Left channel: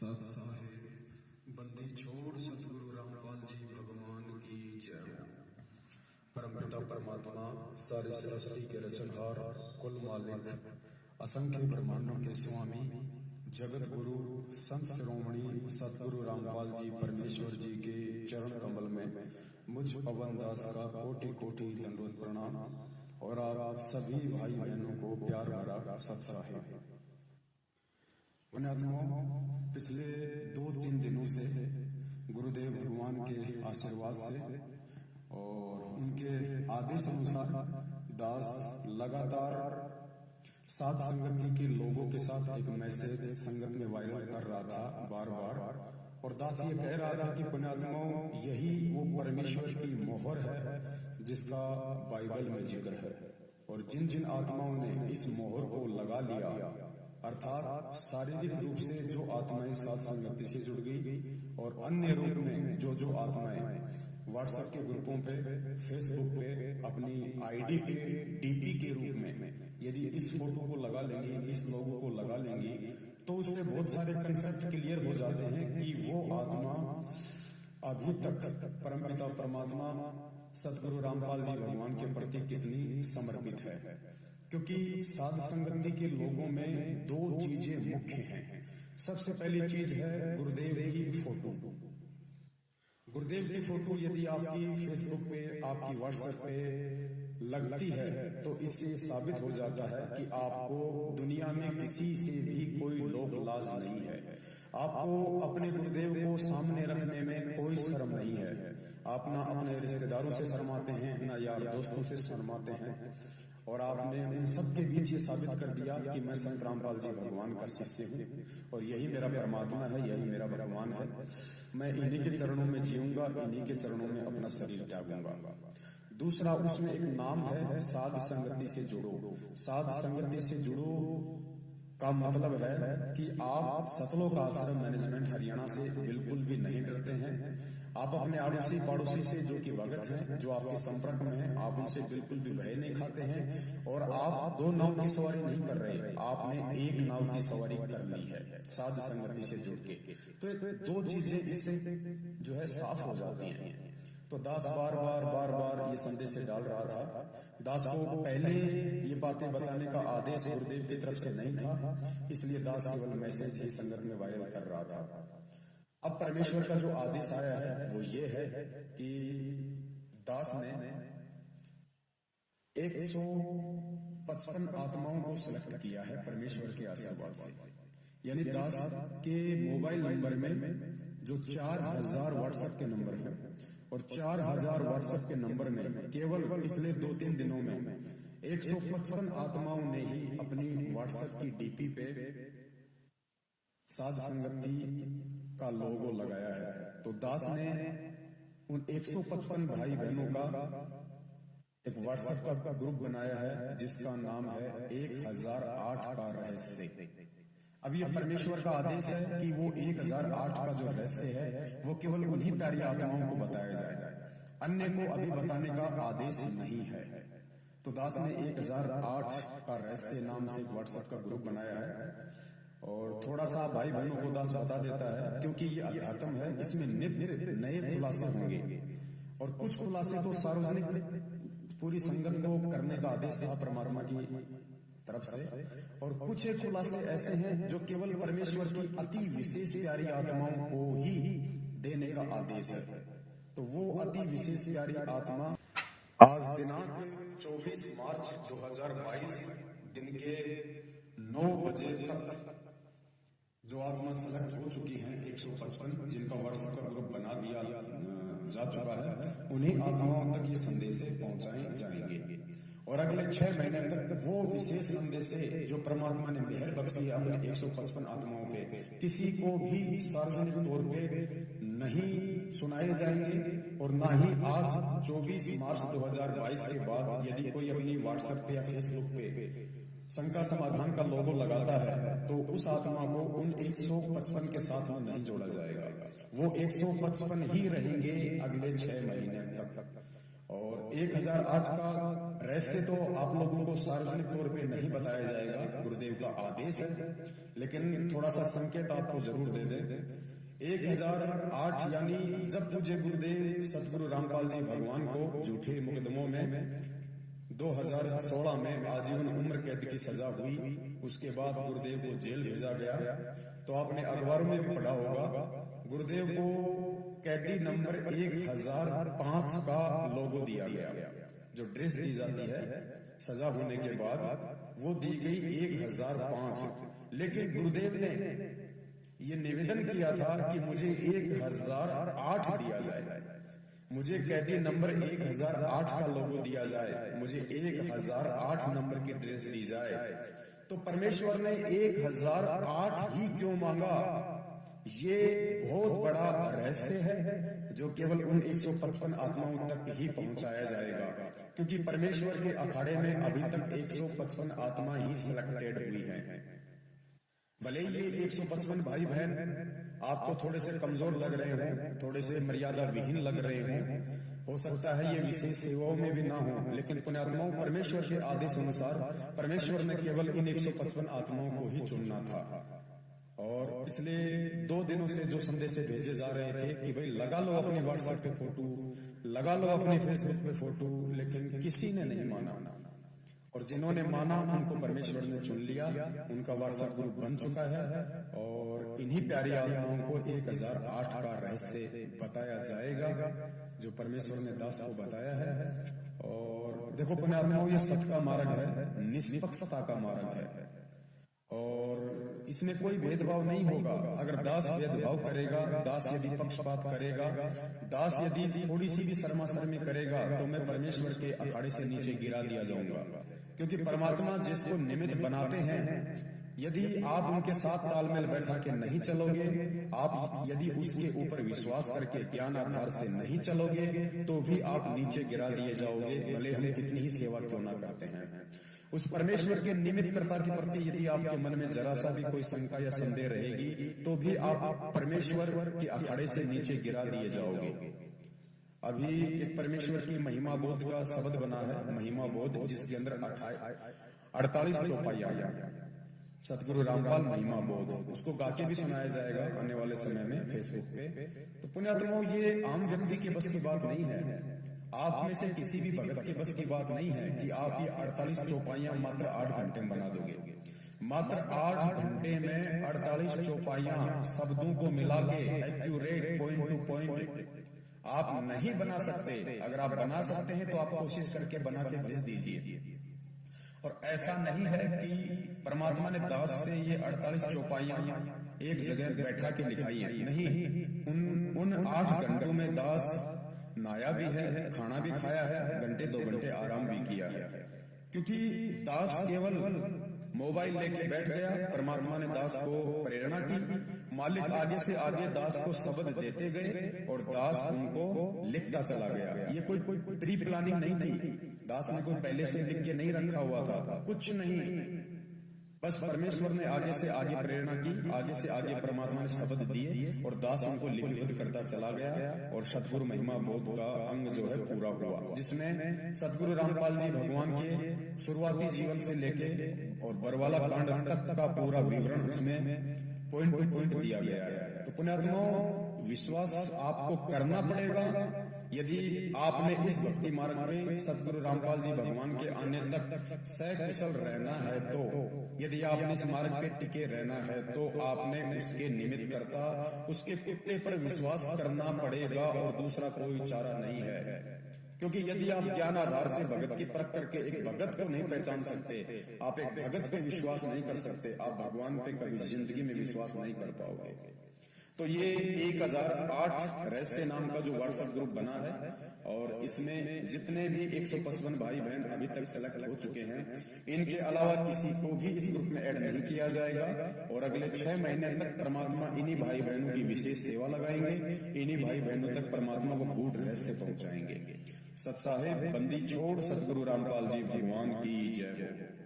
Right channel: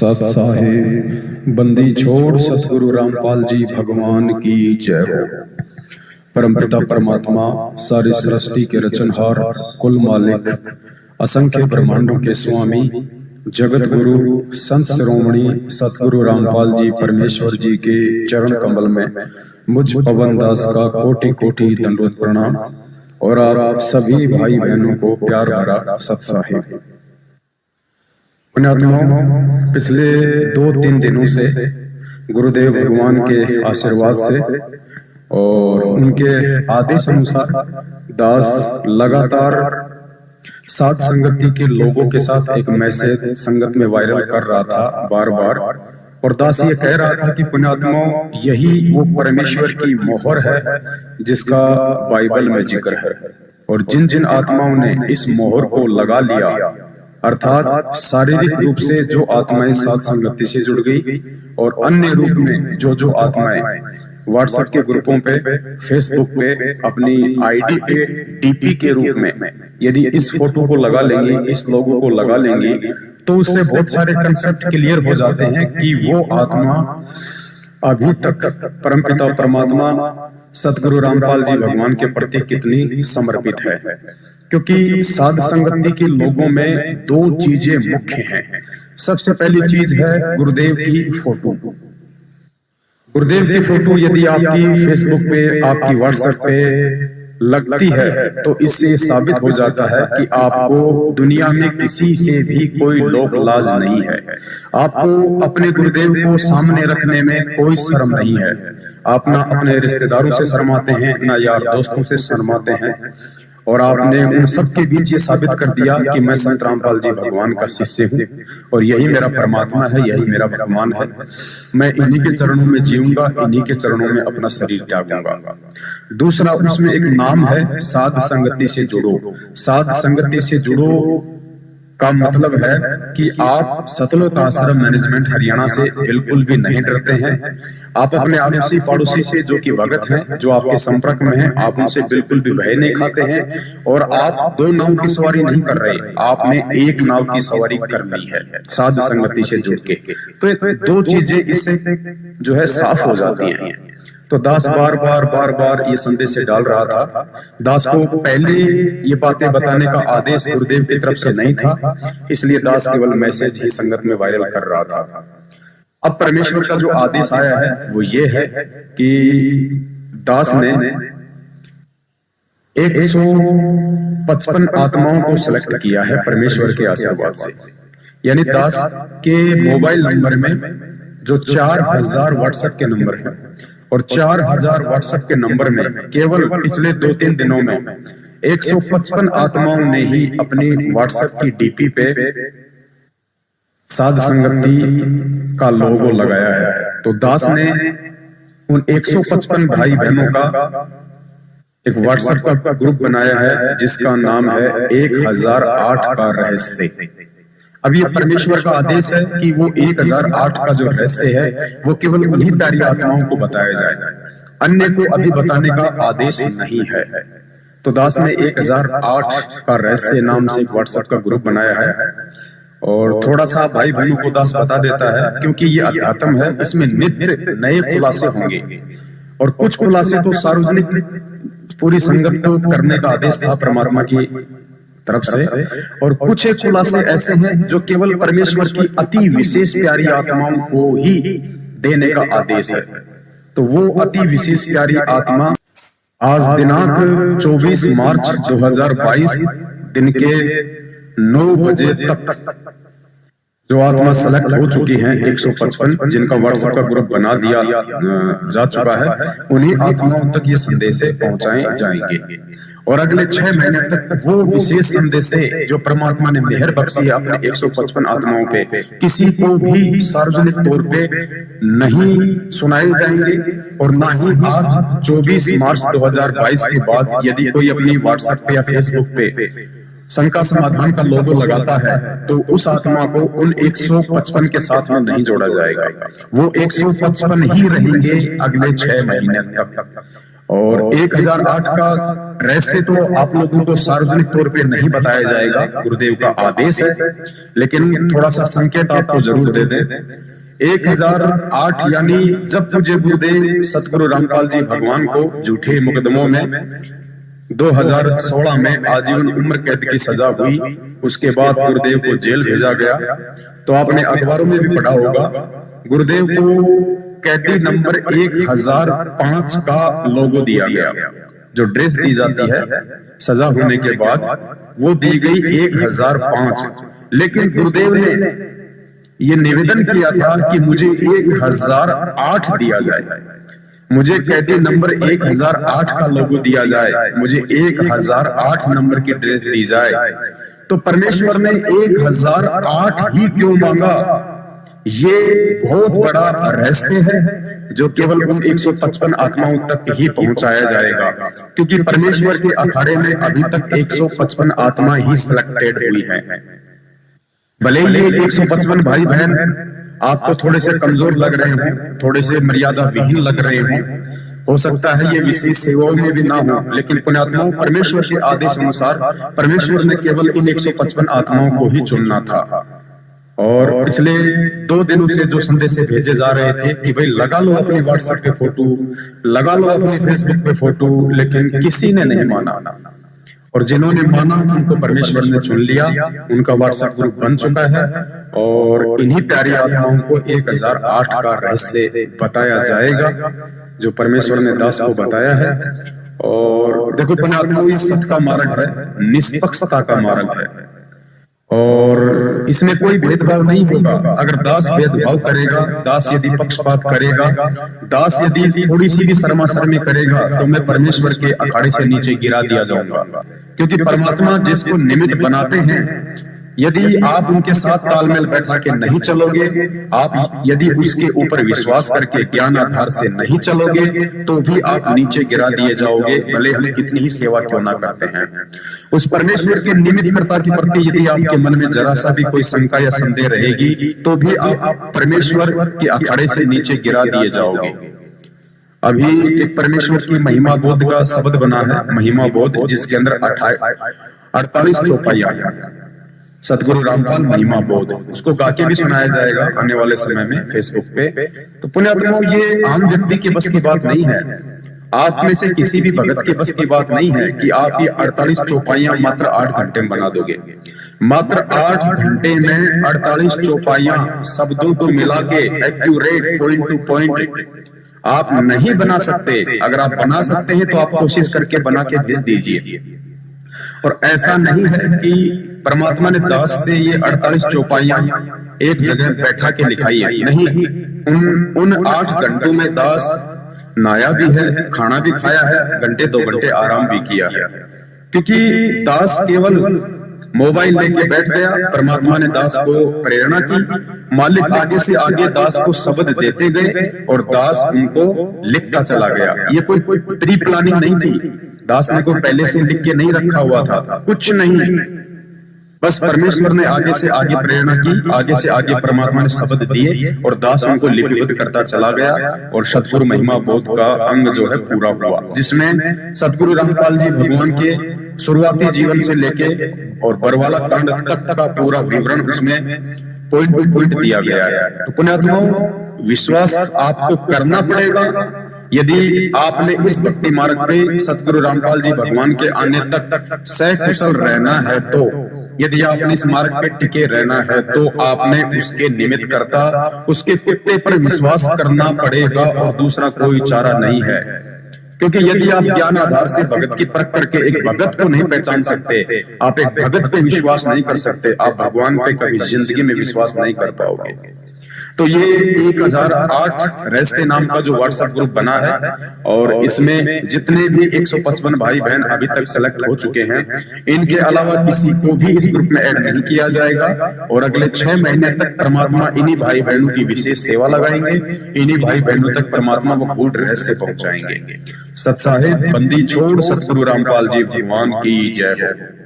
सत साहिब बंदी छोड़ सतगुरु रामपाल जी भगवान की जय हो। परमपिता परमात्मा सारी सृष्टि के रचनहार, कुल मालिक, असंख्य ब्रह्मांडों के स्वामी, जगत गुरु संत शिरोमणि सतगुरु रामपाल जी परमेश्वर जी के चरण कमल में मुझ पवन दास का कोटि कोटि दंडवत प्रणाम और आप सभी भाई बहनों को प्यार भरा सत साहिब। पुण्यात्माओं, पिछले 2-3 दिनों से गुरुदेव भगवान के आशीर्वाद से और उनके आदेश अनुसार दास लगातार साध संगति के लोगों के साथ एक मैसेज संगत में वायरल कर रहा था बार बार, और दास ये कह रहा था कि पुण्यात्माओं, यही वो परमेश्वर की मोहर है जिसका बाइबल में जिक्र है, और जिन जिन आत्माओं ने इस मोहर को लगा लिया, अर्थात शारीरिक रूप से जो आत्माएं साध संगति से जुड़ गई और अन्य रूप में जो आत्माएं व्हाट्सएप के ग्रुपों पे, फेसबुक पे, अपनी आईडी पे डीपी के रूप में यदि इस फोटो को लगा लेंगी, इस लोगो को लगा लेंगी, तो उससे बहुत सारे कंसेप्ट क्लियर हो जाते हैं कि वो आत्मा अभी तक परमपिता परमात्मा सतगुरु रामपाल जी भगवान के प्रति कितनी समर्पित है। क्योंकि साध संगति के लोगों में 2 चीजें मुख्य हैं। सबसे पहली चीज है गुरुदेव की फोटो। गुरुदेव की फोटो यदि आपकी फेसबुक पे, आपकी व्हाट्सएप पे लगती है तो इससे साबित हो जाता है कि आपको दुनिया में किसी से भी कोई लोक लाज नहीं है। आपको अपने गुरुदेव को सामने रखने में कोई शर्म नहीं है। आप ना अपने रिश्तेदारों से शर्माते हैं, ना यार दोस्तों से शर्माते हैं, और आपने उन सब के बीच ये साबित कर दिया कि मैं संत रामपाल जी भगवान का शिष्य हूँ और यही मेरा परमात्मा है, यही मेरा भगवान है। मैं इन्हीं के चरणों में जीऊंगा, इन्हीं के चरणों में अपना शरीर त्यागूंगा। दूसरा, उसमें एक नाम है साध संगति से जुड़ो। साध संगति से जुड़ो का मतलब है कि आप सतलोक आश्रम मैनेजमेंट हरियाणा से बिल्कुल भी नहीं डरते हैं। आप अपने आड़ोसी पड़ोसी से जो कि भगत हैं, जो आपके संपर्क में हैं, आप उनसे बिल्कुल भी भय नहीं खाते हैं, और आप 2 नाव की सवारी नहीं कर रहे, आपने एक नाव की सवारी कर ली है साध संगति से जुड़ के। तो 2 चीजें इससे जो है साफ हो जाती हैं। तो दास बार बार ये संदेश से डाल रहा था। दास को पहले ये बातें बताने का आदेश गुरुदेव की तरफ से नहीं था, इसलिए दास केवल मैसेज ही संगत में वायरल कर रहा था। अब परमेश्वर का जो आदेश आया है वो ये है कि दास ने 155 आत्माओं को सिलेक्ट किया है परमेश्वर के आशीर्वाद से। यानी दास के मोबाइल नंबर में जो 4000 व्हाट्सएप के नंबर हैं, और 4000 व्हाट्सएप के नंबर में केवल पिछले 2-3 दिनों में 155 आत्माओं ने ही अपनी व्हाट्सएप की डीपी पे साध संगति का लोगो लगाया है। तो दास ने उन 155 भाई बहनों का एक व्हाट्सएप का ग्रुप बनाया है जिसका नाम है 1008 का रहस्य। अब ये परमेश्वर का आदेश है कि वो 1008 का जो रहस्य है वो केवल उन्हीं प्यारी आत्माओं को बताया जाए, अन्य को अभी बताने का आदेश नहीं है। तो दास ने 1008 का रहस्य नाम से एक व्हाट्सएप का ग्रुप बनाया है, और थोड़ा सा भाई बहनों को दास बता देता है क्योंकि ये अध्यात्म है, इसमें नित्य नए खुलासे होंगे, और कुछ खुलासे तो सार्वजनिक पूरी संगत को करने का आदेश था परमात्मा की तरफ से, और कुछ एक खुलासे ऐसे हैं जो केवल परमेश्वर की अति विशेष प्यारी आत्माओं को ही देने का आदेश है। तो वो अति विशेष प्यारी आत्मा आज दिनांक 24 मार्च 2022 दिन के 9 बजे तक जो आत्मा सेलेक्ट हो चुकी हैं 155, जिनका व्हाट्सएप का ग्रुप बना दिया जा चुका है, उन्हीं आत्माओं तक ये संदेश पहुंचाए जाएंगे। और अगले 6 महीने तक वो विशेष संदेश जो परमात्मा ने मेहर बख्शी है अपने 155 आत्माओं पे, किसी को भी सार्वजनिक तौर पे नहीं सुनाए जाएंगे, और ना ही आज 24 मार्च 2022 के बाद यदि कोई अपनी व्हाट्सएप पे या फेसबुक पे शंका समाधान का लोगो लगाता है तो उस आत्मा को उन 155 के साथ में नहीं जोड़ा जाएगा। वो 155 ही रहेंगे अगले 6 महीने तक। और 1008 का रहस्य तो आप लोगों को सार्वजनिक तौर पे नहीं बताया जाएगा, गुरुदेव का आदेश है, लेकिन थोड़ा सा संकेत आपको जरूर दे दें। 1008 यानी जब मुझे गुरुदेव सतगुरु रामपाल जी भगवान को झूठे मुकदमों में 2016 में आजीवन उम्र कैद की सजा हुई, उसके बाद गुरुदेव को जेल भेजा गया। तो आपने अखबारों में भी पढ़ा होगा, गुरुदेव को कैदी नंबर 1005 का लोगो दिया गया। जो ड्रेस दी जाती है सजा होने के बाद वो दी गई 1005, लेकिन गुरुदेव ने ये निवेदन किया था कि मुझे 1008 दिया जाए, मुझे कैदी नंबर 1008 का लोगो दिया जाए, मुझे 1008 नंबर की ड्रेस दी जाए। तो परमेश्वर ने 1008 ही क्यों मांगा, ये बहुत बड़ा रहस्य है जो केवल उन 155 आत्माओं तक ही पहुंचाया जाएगा, क्योंकि परमेश्वर के अखाड़े में अभी तक 155 आत्मा ही सिलेक्टेड हुई है। भले ही 155 भाई बहन आपको थोड़े से कमजोर लग रहे हों, थोड़े से मर्यादा विहीन लग रहे हों, हो सकता है ये विशेष सेवाओं में भी ना हो, लेकिन पुण्यात्माओं परमेश्वर के आदेश अनुसार परमेश्वर ने केवल इन 155 आत्माओं को ही चुनना था। और पिछले 2 दिनों से जो संदेश भेजे जा रहे थे कि भाई लगा लो अपने व्हाट्सएप पे फोटो, लगा लो अपने फेसबुक पे फोटो, लेकिन किसी ने नहीं माना। और जिन्होंने माना उनको परमेश्वर ने चुन लिया, उनका व्हाट्सएप ग्रुप बन चुका है और इन्हीं प्यारी आत्माओं को 1008 का रहस्य बताया जाएगा जो परमेश्वर ने दास को बताया है। और देखो पुण्यात्माओं, ये सत्य का मार्ग है, निष्पक्षता का मार्ग है और इसमें कोई भेदभाव नहीं होगा। अगर दास भेदभाव करेगा, दास यदि पक्षपात करेगा, दास यदि थोड़ी सी भी शर्माशर्मी करेगा, तो मैं परमेश्वर के अखाड़े से नीचे गिरा दिया जाऊंगा। क्योंकि परमात्मा जिसको निमित्त बनाते हैं, यदि आप उनके साथ तालमेल बैठा के नहीं चलोगे, आप यदि उसके ऊपर विश्वास करके ज्ञान आधार से नहीं चलोगे, तो भी आप नीचे गिरा दिए जाओगे, भले हम कितनी ही सेवा क्यों ना करते हैं। उस परमेश्वर के निमित्तकर्ता के प्रति यदि आपके मन में जरा सा भी कोई शंका या संदेह रहेगी, तो भी आप परमेश्वर के अखाड़े से नीचे गिरा दिए जाओगे। अभी एक परमेश्वर की महिमा बोध का शब्द बना है, महिमा बोध, जिसके अंदर 48 चौपाइयां हैं। सतगुरु रामपाल महिमा बोध, उसको गा के भी सुनाया जाएगा आने वाले समय में फेसबुक पे। तो पुण्यात्माओं, ये आम व्यक्ति के बस की बात नहीं है, आप में से किसी भी भगत के बस की बात नहीं है कि आप ये 48 चौपाइयां मात्र 8 घंटे में बना दोगे। मात्र 8 घंटे में 48 चौपाइयां शब्दों को मिला के एक्यूरेट पॉइंट टू पॉइंट आप नहीं बना सकते। अगर आप बना सकते हैं तो आप कोशिश करके बना के भेज दीजिए। और ऐसा नहीं है कि परमात्मा ने दास से ये 48 चौपाइयां एक जगह बैठा के लिखाई है, नहीं। उन 8 घंटों में दास नहाया भी है, खाना भी खाया है, घंटे 2 घंटे आराम भी किया है। क्योंकि दास केवल मोबाइल लेके बैठ गया, परमात्मा ने दास को प्रेरणा की, मालिक आगे से आगे दास को शब्द देते गए और दास उनको लिखता चला गया। ये कोई प्री प्लानिंग नहीं थी, दास ने को पहले से लिख के नहीं रखा हुआ था, कुछ नहीं। बस परमेश्वर ने आगे से आगे प्रेरणा की, आगे से आगे परमात्मा ने शब्द दिए और दास उनको लिपिबद्ध करता चला गया। और सतगुरु महिमा बोध का अंग जो है पूरा हुआ, जिसमें सतगुरु रामपाल जी भगवान के शुरुआती जीवन से लेके और बरवाला कांड तक का पूरा विवरण उसमें पॉइंट टू पॉइंट दिया गया है। तो पुण्यात्माओं, विश्वास आपको करना पड़ेगा। यदि आपने इस भक्ति मार्ग पे सतगुरु रामपाल जी भगवान के आने तक सकुशल रहना है, तो यदि आपने इस मार्ग पे टिके रहना है, तो आपने उसके निमित्त करता, उसके कुत्ते पर विश्वास करना पड़ेगा और दूसरा कोई चारा नहीं है। क्योंकि यदि आप ज्ञान आधार से भगत की परख करके एक भगत को नहीं पहचान सकते, आप एक भगत पे विश्वास नहीं कर सकते, आप भगवान पे कभी जिंदगी में विश्वास नहीं कर पाओगे। तो ये 1008 रहस्य नाम का जो व्हाट्सएप ग्रुप बना है, और इसमें जितने भी 155 भाई बहन अभी तक सेलेक्ट हो चुके हैं, इनके अलावा किसी को भी इस ग्रुप में ऐड नहीं किया जाएगा। और अगले 6 महीने तक परमात्मा इन्हीं भाई बहनों की विशेष सेवा लगाएंगे, इन्हीं भाई बहनों तक परमात्मा वो गूढ़ रहस्य पहुंचाएंगे। सत साहिब बंदी छोड़ सतगुरु रामपाल जी भगवान की जय हो।